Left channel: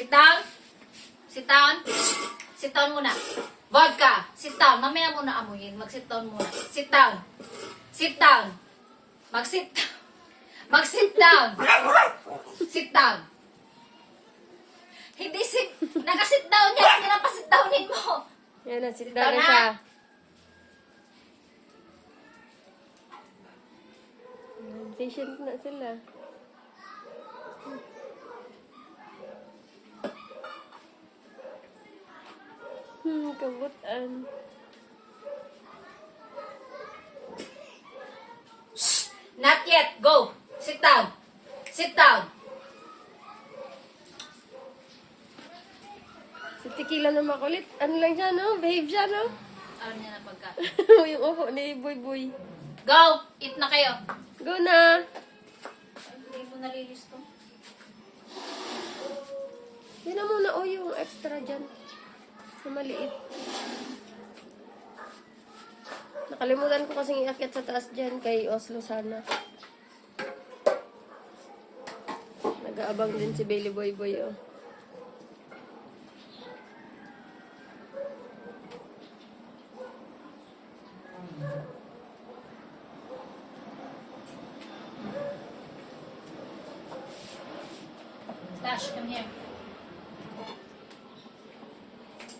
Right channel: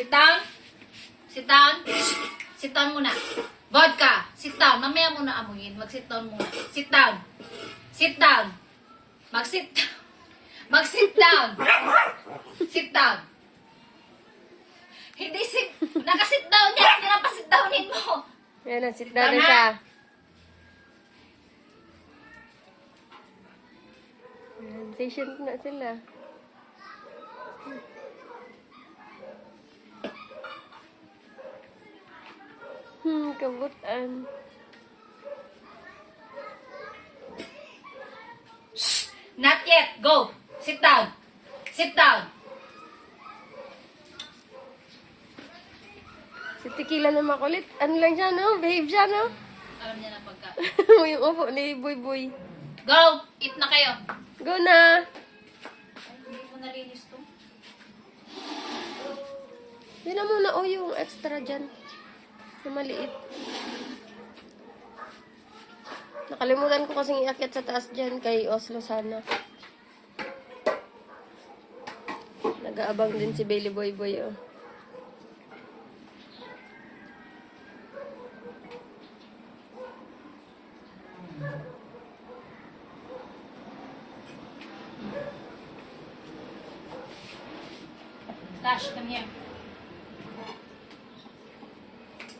Sit down. Sit down. Sit down muna. Vodka. Sit down. Mamaya muna amuyin. Mag-sit down muna. Sit down. Sit down. Mag-sit down. Mag-sit down. Sit down. Hindi sit. Naka-sit down yan. Hindi na pa-sit downin mo. Yan na, sit down na siya. Patient na sila. Kabutan. Not yet. Go. Sit down. Sit down. Si Tequila na makulit. Ano lang siya, no? Behave siya, no? Alam niya na pagka. Yung upo ni Boy Boy. Go. Eat na kayo. Go na! Hindi ko nalilis to. Yun na muna, oh, yung extra dyan. Yung maliit. Nakalimutan ko kasing iakyat sa taas dyan kay Oslo sana. Nag-aabang din si Bailey Boy Boy, oh. Tash, come here.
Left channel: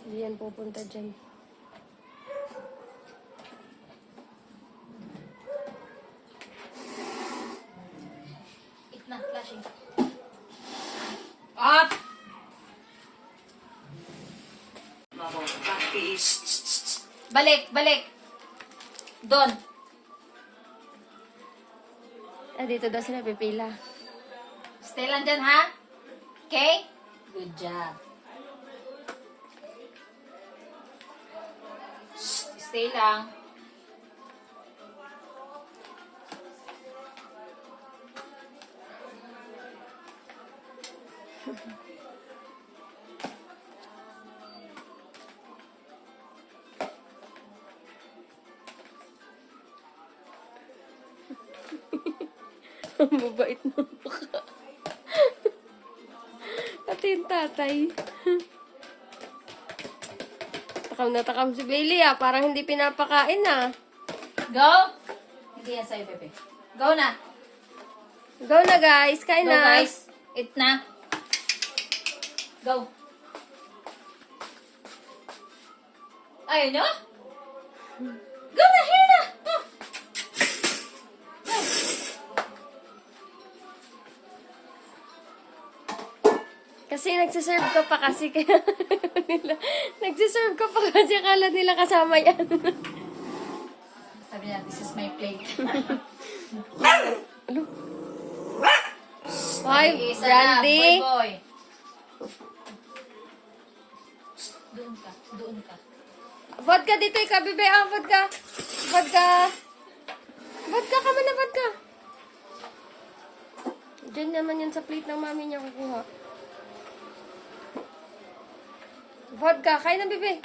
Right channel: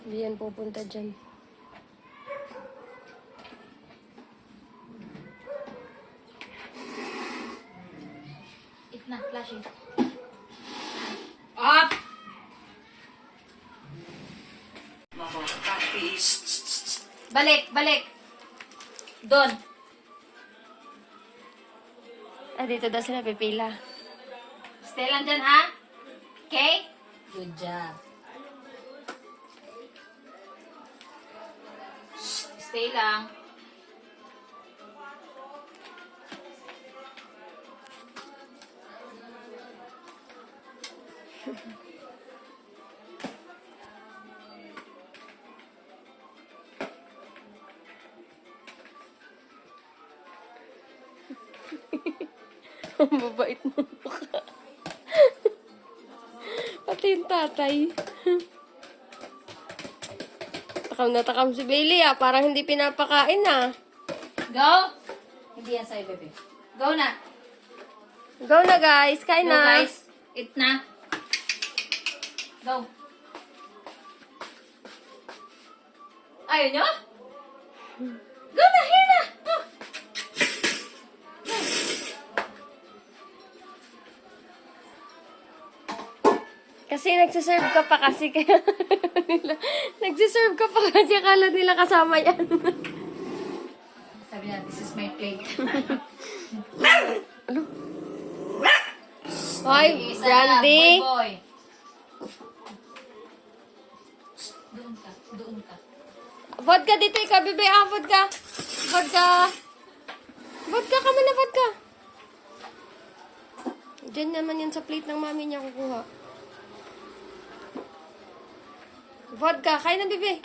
Hindi yan pupunta dyan. Eat na, flashing. Up! Balik, balik. Doon. Ah, dito daw sila pipila. Stay lang dyan, ha? Okay? Good job. Stay lang. Ang babait mo mukha. Pati yung tatay. Takam na takam si Bailey, ah. Parang hindi pinapakain, ah. Go! Hindi yan sa'yo, bebe. Go na. Go na, guys. Kain Go, na. guys. Eat na. Go. Ayaw nyo? Go na, here na. Go. Kasi nagsiserve ka pa kasi kaya nila, nagsiserve ka pa kasi akala nila kasama yan. Sabi niya, this is my plate. Ano? Hoy, Isa Brandy. na, boy, boy. Shh, doon ka, doon ka. Vodka dito, ikaw, bebe. Ah, vodka. Vodka. Vodka ka man na vodka. Diyan naman yan sa plate ng mami niya kukuha. Vodka, kain na, bebe.